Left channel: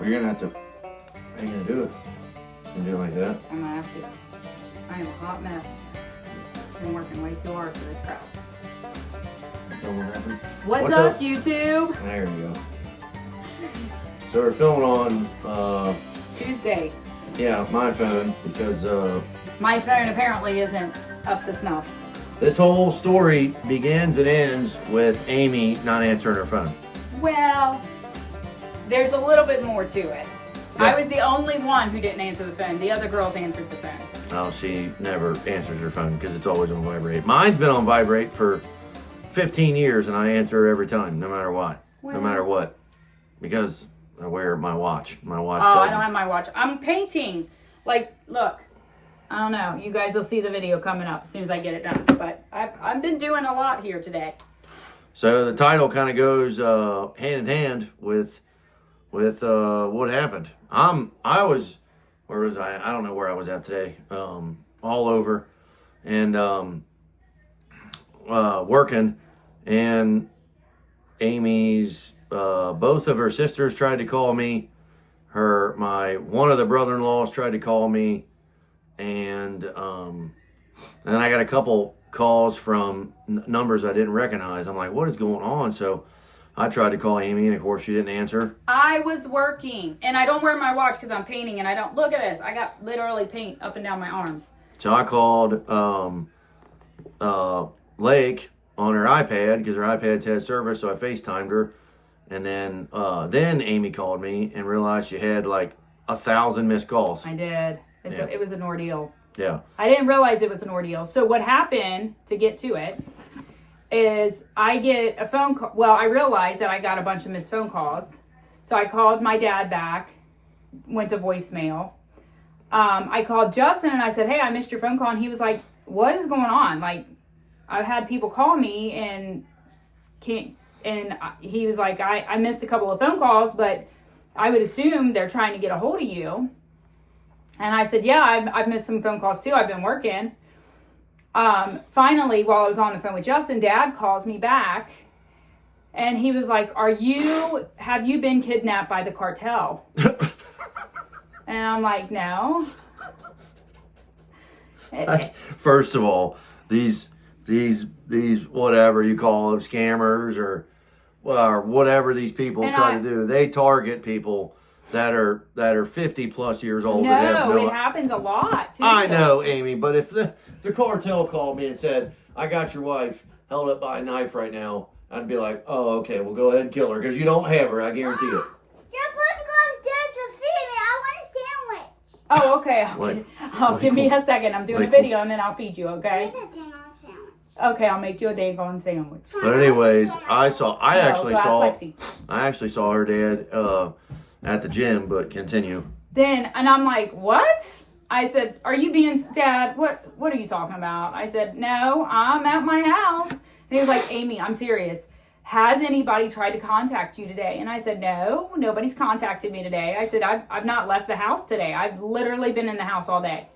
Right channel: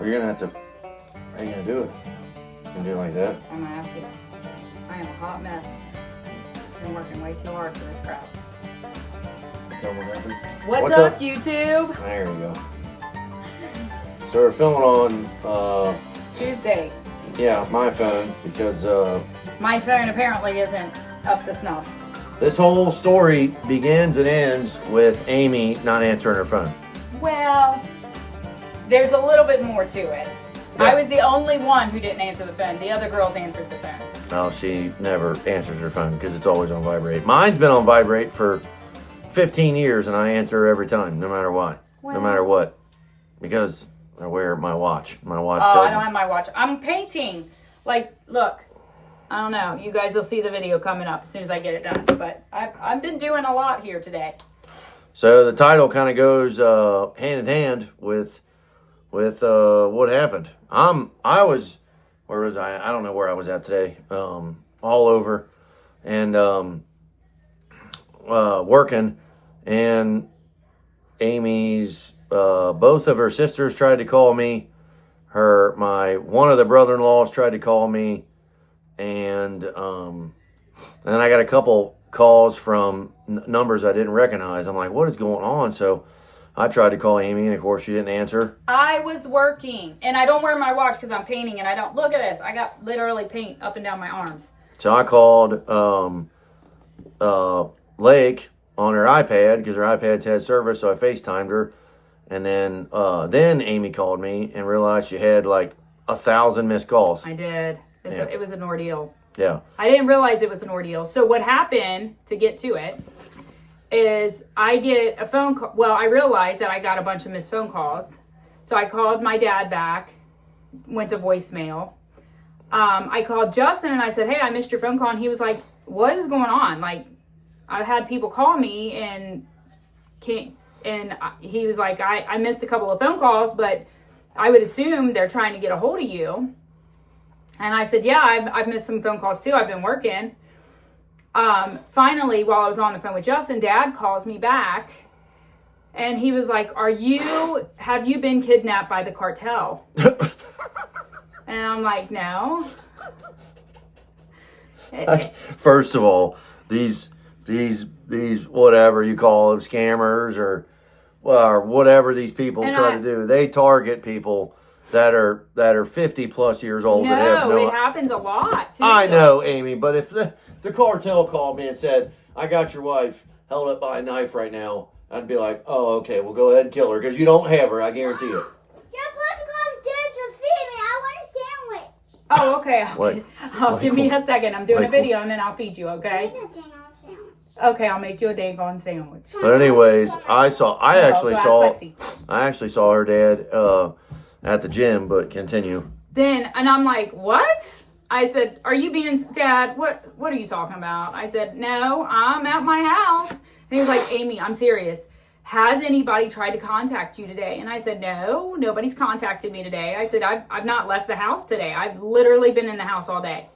Well, you're gonna have to. How you gonna do it? You can do it like that. I'm gonna have to. I am a hot mess. Been working way too hard for this crap. What's up, YouTube? There we go. So we're filming on Tuesday. Yeah, my phone because My phone apparently isn't up to snuff. this whole story begins and ends with Amy not answering her phone. Well, there's a little bit more to it. Yeah. I was the only one who didn't answer the phone. The other girls answered the phone. Well, she never answers her phone because it's always on vibrate. Mine's been on vibrate for 15 years and I answer every time, no matter what. Well, no matter what. Because I wear my watch. My watch Oh, I tells don't me. have my watch. I'm painting. Like, look. I don't know. You guys will see the video coming up as soon as I get it done. But I've been doing a lot here today. So the title kind of goes hand in hand with what happened. Where was I? I don't know where I was at today. All over, and working, and Amy's both of her sisters tried to call me. One of the brother-in-laws tried to call me, and then I got a couple calls from numbers I didn't recognize. I'm like, what is going on? So I tried to call Amy, and of course she didn't answer. I was working, and I don't wear my watch because I'm painting, and I don't. Look at this. I got literally paint up and down my arms. So I called Lake on her iPad because her iPad's had service, so I FaceTimed her. And then Amy called me and realized she had like 1,000 missed calls. I did. It was an ordeal. Yeah. I didn't realize it was an ordeal. So what happened, to get to it, is I get a phone call. Well, I realized that I got a bunch of missed phone calls. So I called my dad back, went to voicemail. I called Justin and I said, hey, I missed your phone call. And he was like, what is going on? Like, I've had people call me and he was like, I missed a couple of phone calls, but I would assume they're trying to get a hold of you. And I said, yeah, I've missed some phone calls too. I've been working. Finally, while I was on the phone with Justin, Dad calls me back and he was like, have you been kidnapped by the cartel? And I'm like, no. First of all, these whatever you call them, scammers or whatever these people try to do, they target people that are 50 plus years old. No, it happens a lot too. I know, Amy, but if the cartel called me and said, I got your wife held up by a knife right now, I'd be like, oh, okay, well, go ahead and kill her because you don't have her, I guarantee it. You're supposed to go upstairs to feed me. I want a sandwich. Oh, okay. Give me a second. I'm doing a video and then I'll feed you, okay? Okay, I'll make you a daggone sandwich. But anyways, I actually saw her dad at the gym, but continue. And I'm like, what? I said, Dad, what are you talking about? I said, no, I'm at my house. And he was like, Amy, I'm serious. Has anybody tried to contact you today? And I said, no, nobody's contacted me today. I said, I've not left the house today. I've literally been in the house all day.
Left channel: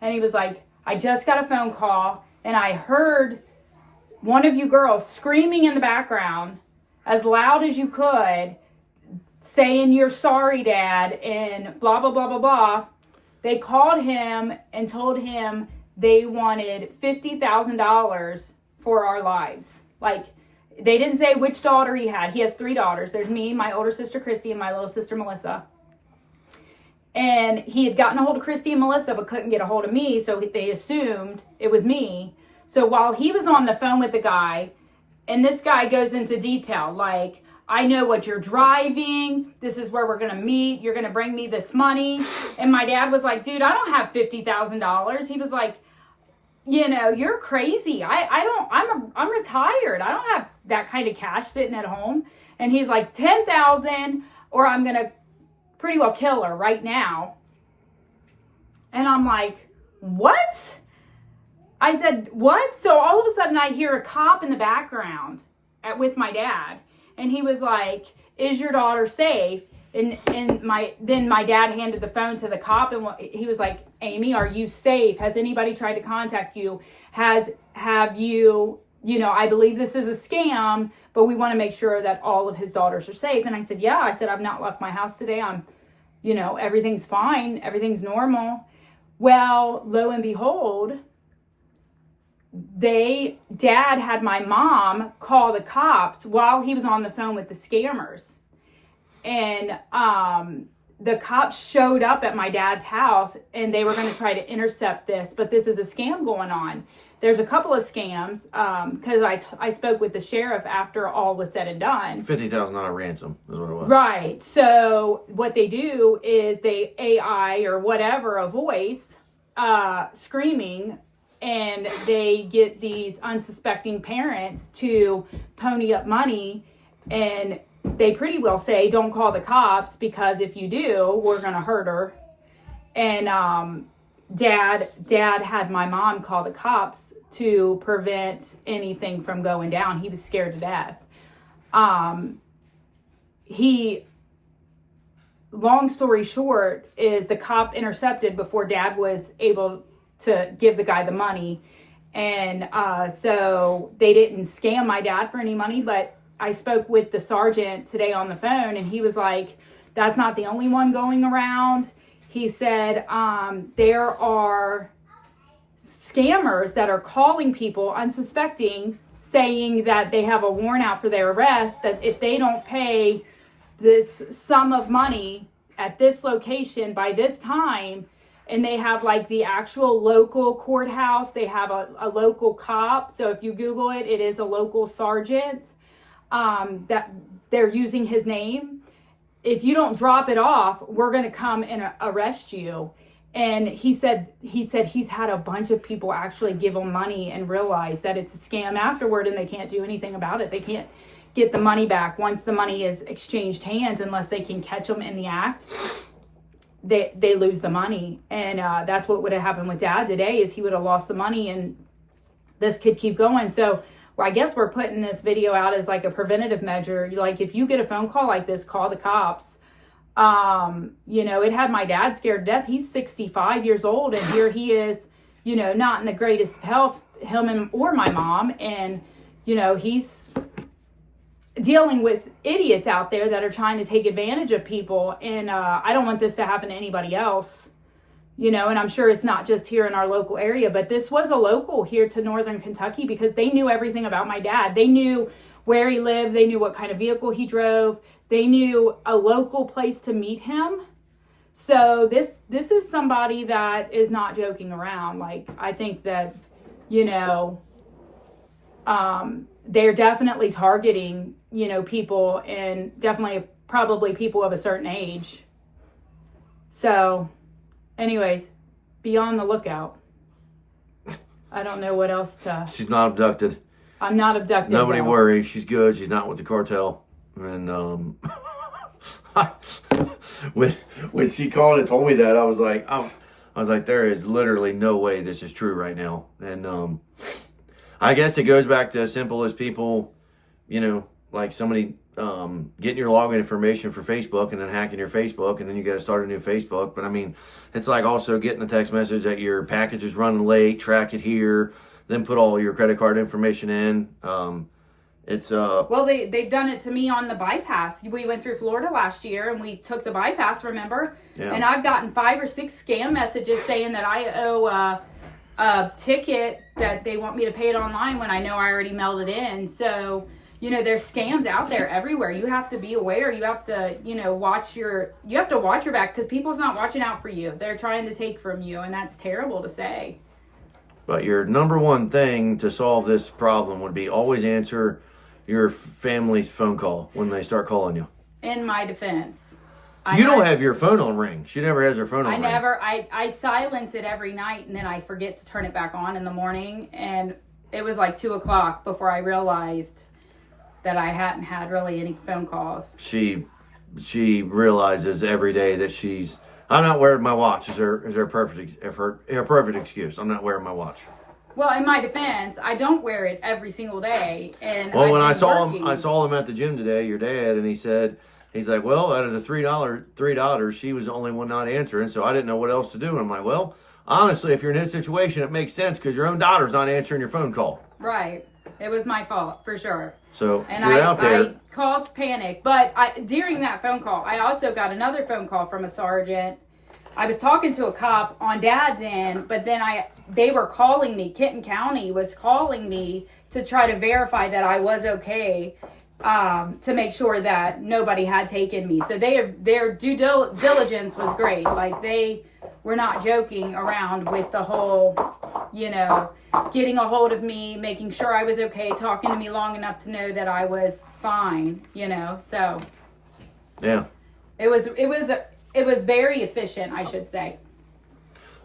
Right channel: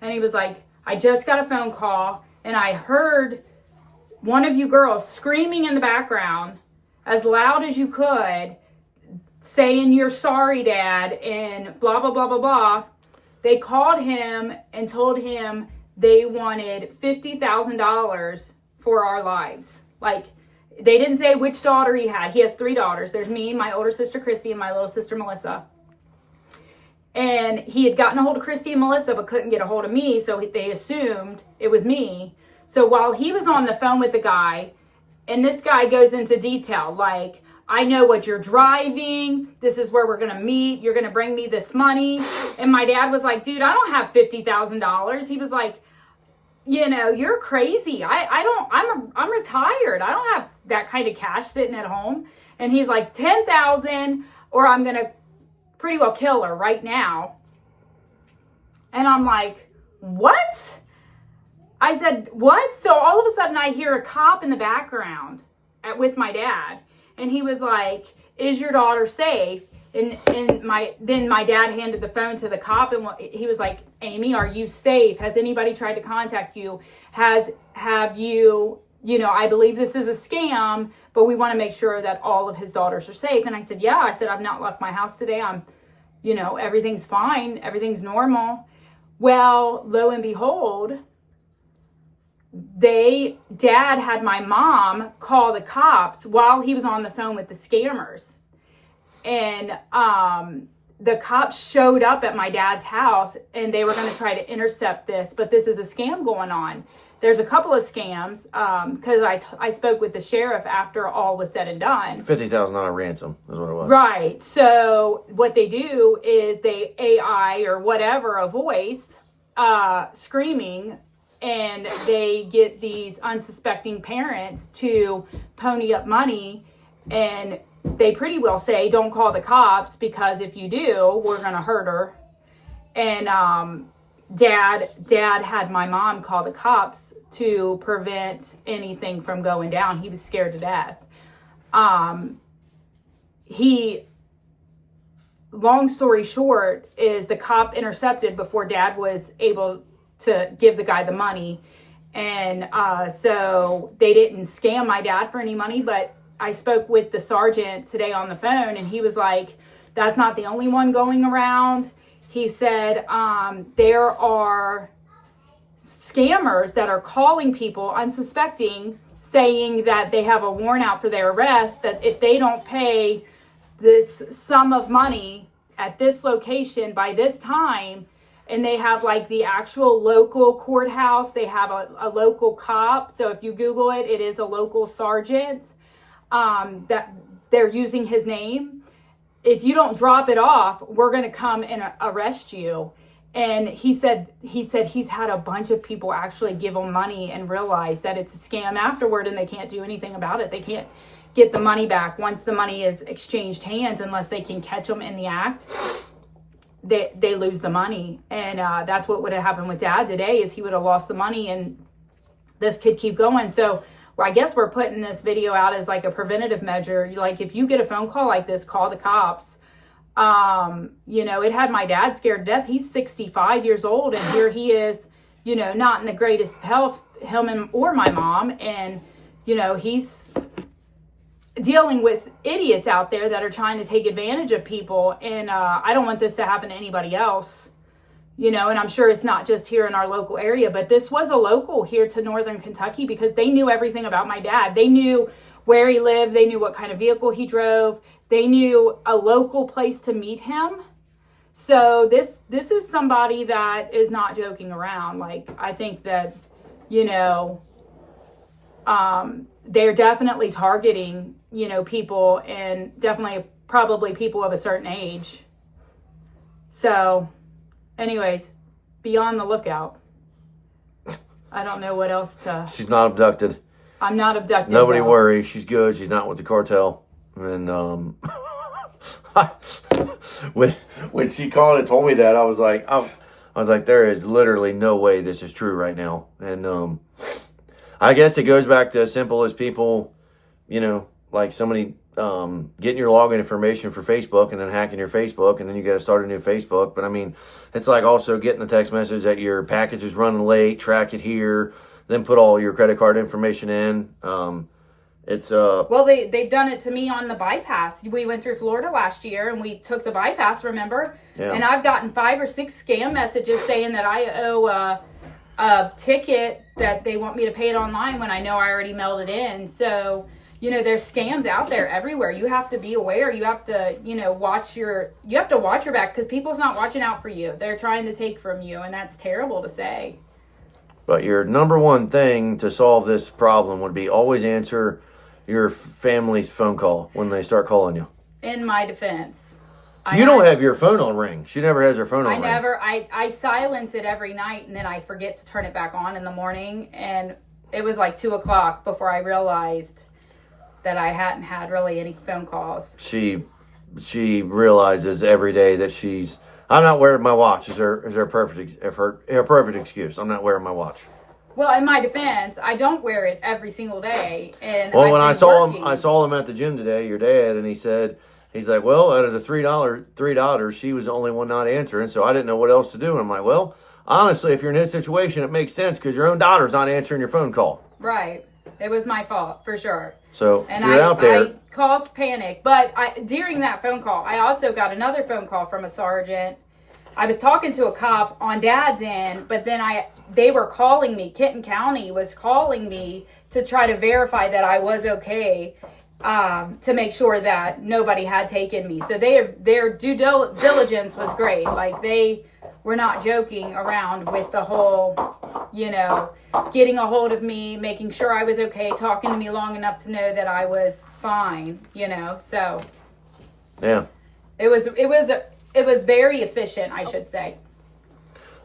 And he was like, I just got a phone call and I heard one of you girls screaming in the background as loud as you could, saying you're sorry, Dad, and blah, blah, blah, blah, blah. They called him and told him they wanted $50,000 for our lives. Like, they didn't say which daughter he had. He has 3 daughters. There's me, my older sister, Christy, and my little sister, Melissa. And he had gotten a hold of Christy and Melissa, but couldn't get a hold of me, so they assumed it was me. So while he was on the phone with the guy, and this guy goes into detail, like, I know what you're driving. This is where we're going to meet. You're going to bring me this money. And my dad was like, dude, I don't have $50,000. He was like, you're crazy. I'm retired. I don't have that kind of cash sitting at home. And he's like, 10,000 or I'm going to pretty well kill her right now. And I'm like, what? I said, what? So all of a sudden I hear a cop in the background with my dad. And he was like, is your daughter safe? And then my dad handed the phone to the cop and he was like, Amy, are you safe? Has anybody tried to contact you? Have you I believe this is a scam, but we want to make sure that all of his daughters are safe. And I said, yeah. I said, I've not left my house today. Everything's fine. Everything's normal. Well, lo and behold, Dad had my mom call the cops while he was on the phone with the scammers. And the cops showed up at my dad's house, and they were going to try to intercept this, but this is a scam going on. There's a couple of scams, because I spoke with the sheriff after all was said and done. $50,000 ransom is what it was. Right. So what they do is they AI or whatever, a voice, screaming, and they get these unsuspecting parents to pony up money, and they pretty well say, don't call the cops, because if you do, we're going to hurt her. And Dad had my mom call the cops to prevent anything from going down. He was scared to death. Long story short is the cop intercepted before Dad was able to give the guy the money. And so they didn't scam my dad for any money, but I spoke with the sergeant today on the phone, and he was like, that's not the only one going around. He said, there are scammers that are calling people unsuspecting, saying that they have a warrant out for their arrest, that if they don't pay this sum of money at this location by this time, and they have like the actual local courthouse, they have a local cop. So if you Google it, it is a local sergeant, that they're using his name. If you don't drop it off, we're going to come and arrest you. And he said he's had a bunch of people actually give him money and realize that it's a scam afterward, and they can't do anything about it. They can't get the money back once the money is exchanged hands, unless they can catch them in the act. They lose the money. And that's what would have happened with Dad today, is he would have lost the money, and this could keep going. So I guess we're putting this video out as like a preventative measure. Like, if you get a phone call like this, call the cops. It had my dad scared to death. He's 65 years old, and here he is, not in the greatest health, him or my mom. And, he's dealing with idiots out there that are trying to take advantage of people. And I don't want this to happen to anybody else. And I'm sure it's not just here in our local area, but this was a local here to Northern Kentucky, because they knew everything about my dad. They knew where he lived. They knew what kind of vehicle he drove. They knew a local place to meet him. So this is somebody that is not joking around. Like, I think that, they're definitely targeting, people, and definitely probably people of a certain age. So anyways, be on the lookout. I don't know what else to... She's not abducted. I'm not abducted. Nobody worry. She's good. She's not with the cartel. And when she called and told me that, I was like, there is literally no way this is true right now. And I guess it goes back to as simple as people, like somebody getting your login information for Facebook and then hacking your Facebook, and then you got to start a new Facebook. But I mean, it's like also getting a text message that your package is running late, track it here, then put all your credit card information in. Well, they've done it to me on the bypass. We went through Florida last year, and we took the bypass, remember? Yeah. And I've gotten 5 or 6 scam messages saying that I owe a ticket, that they want me to pay it online when I know I already mailed it in. So, there's scams out there everywhere. You have to be aware. You have to, watch your back, because people's not watching out for you. They're trying to take from you, and that's terrible to say. But your number one thing to solve this problem would be always answer your family's phone call when they start calling you. In my defense. So you don't have your phone on ring. She never has her phone on ring. I silence it every night, and then I forget to turn it back on in the morning. And it was like 2:00 before I realized that I hadn't had really any phone calls. She realizes every day that I'm not wearing my watch. Is her perfect excuse? I'm not wearing my watch. Well, in my defense, I don't wear it every single day. And when I saw him at the gym today, your dad, and he's like, well, out of the three daughters, she was the only one not answering, so I didn't know what else to do. And I'm like, well, honestly, if you're in his situation, it makes sense, because your own daughter's not answering your phone call. Right. It was my fault for sure. So And if you're out there, I caused panic. But during that phone call, I also got another phone call from a sergeant. I was talking to a cop on Dad's end, but then they were calling me. Kenton County was calling me to try to verify that I was okay, to make sure that nobody had taken me. So their due diligence was great. Like, they were not joking around with the whole, getting a hold of me, making sure I was okay, talking to me long enough to know that I was fine, so yeah. it was very efficient, I should say.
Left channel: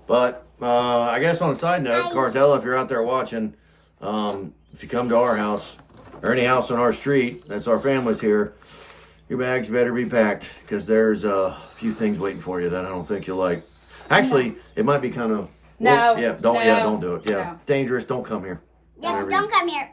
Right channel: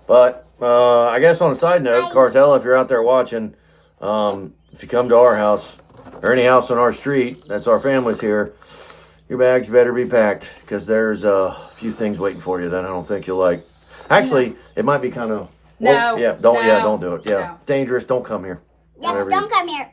But I guess on a side note, Cartel, if you're out there watching, if you come to our house or any house on our street, that's our family's here, your bags better be packed, because there's a few things waiting for you that I don't think you'll like. Actually, it might be kind of... No. Don't do it. Yeah. No. Dangerous. Don't come here. Yeah, Whatever don't come here.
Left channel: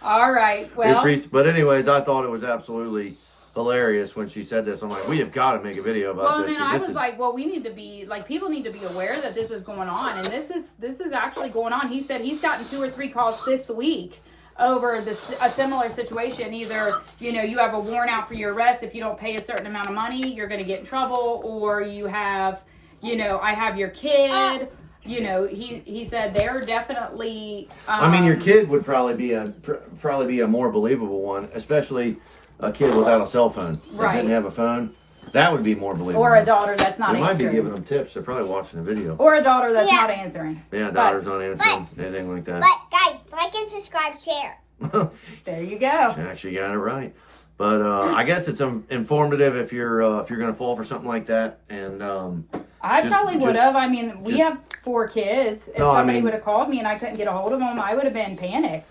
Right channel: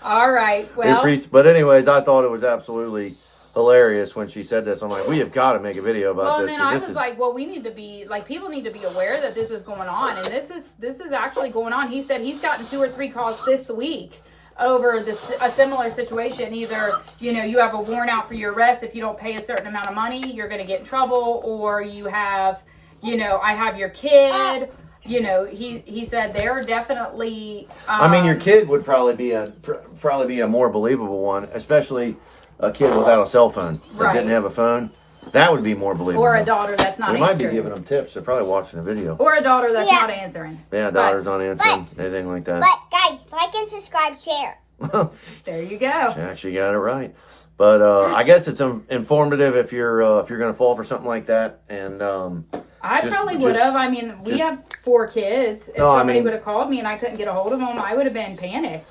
All right, well, But anyways, I thought it was absolutely hilarious when she said this. I'm like, we have got to make a video about well, this. and then I was like, well, we need to be, like, people need to be aware that this is going on, and this is actually going on. He said he's gotten 2 or 3 calls this week over a similar situation. Either, you have a warrant out for your arrest. If you don't pay a certain amount of money, you're going to get in trouble, or you have, I have your kid. He said they're definitely. I mean, your kid would probably be a more believable one, especially a kid without a cell phone. That Right. didn't have a phone. That would be more believable. Or a daughter that's not We might be answering. giving them tips. They're probably watching the video. Or a daughter that's Yeah. not answering. Yeah, daughter's not answering, anything like that. But guys, like and subscribe, share. There you go. She actually got it right. But I guess it's informative if you're going to fall for something like that. And I Just- probably would have. I mean, we just- have 4 kids. If No, I somebody mean- would have called me and I couldn't get a hold of them, I would have been panicked.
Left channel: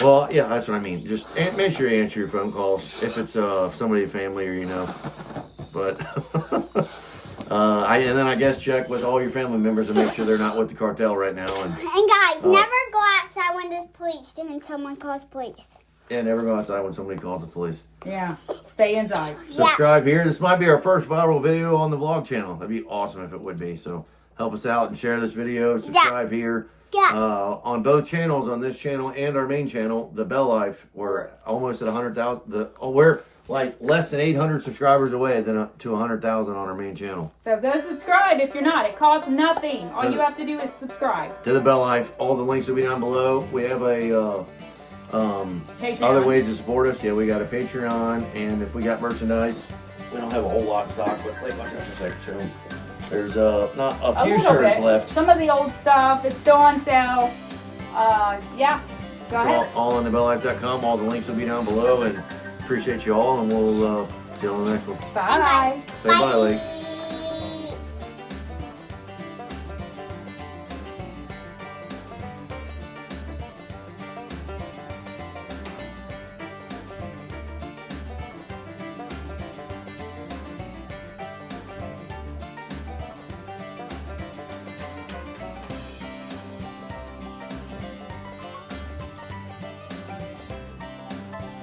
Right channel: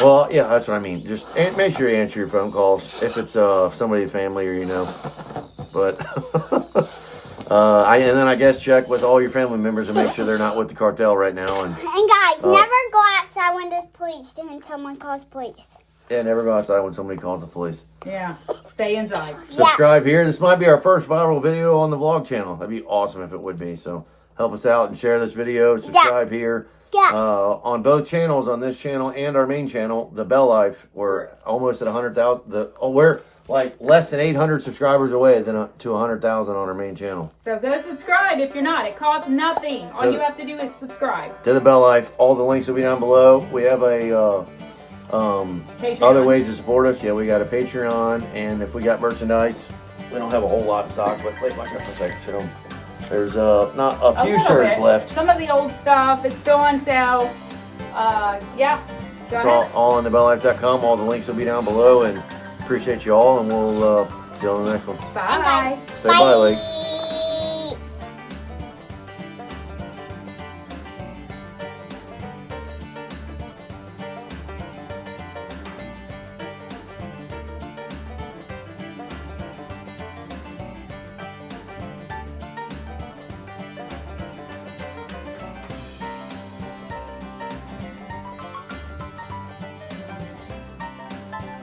well, yeah, that's what I mean. Just make sure you answer your phone calls if it's somebody, family, or But and then I guess check with all your family members and make sure they're not with the cartel right now. And guys, never go outside when there's police when someone calls police. yeah, never go outside when somebody calls the police. Yeah. Stay inside. Subscribe here. This might be our first viral video on the vlog channel. That'd be awesome if it would be. So help us out and share this video. Subscribe here. Yeah. On both channels, on this channel and our main channel, the Bell Life, we're almost at 100,000. We're like less than 800 subscribers away to 100,000 on our main channel. So go subscribe if you're not. It costs nothing. All you have to do is subscribe. To the Bell Life, all the links will be down below. We have a Patreon. other ways to support us. Yeah, we got a Patreon, and if we got merchandise, we don't have a whole lot of stock, but wait, my goodness, I can show them. There's not a few little shirts bit. left. Some of the old stuff, it's still on sale. Yeah. Go It's ahead. all on thebellife.com. All the links will be down below, and appreciate you all, and we'll see you on the next one. Bye. Say bye, ladies.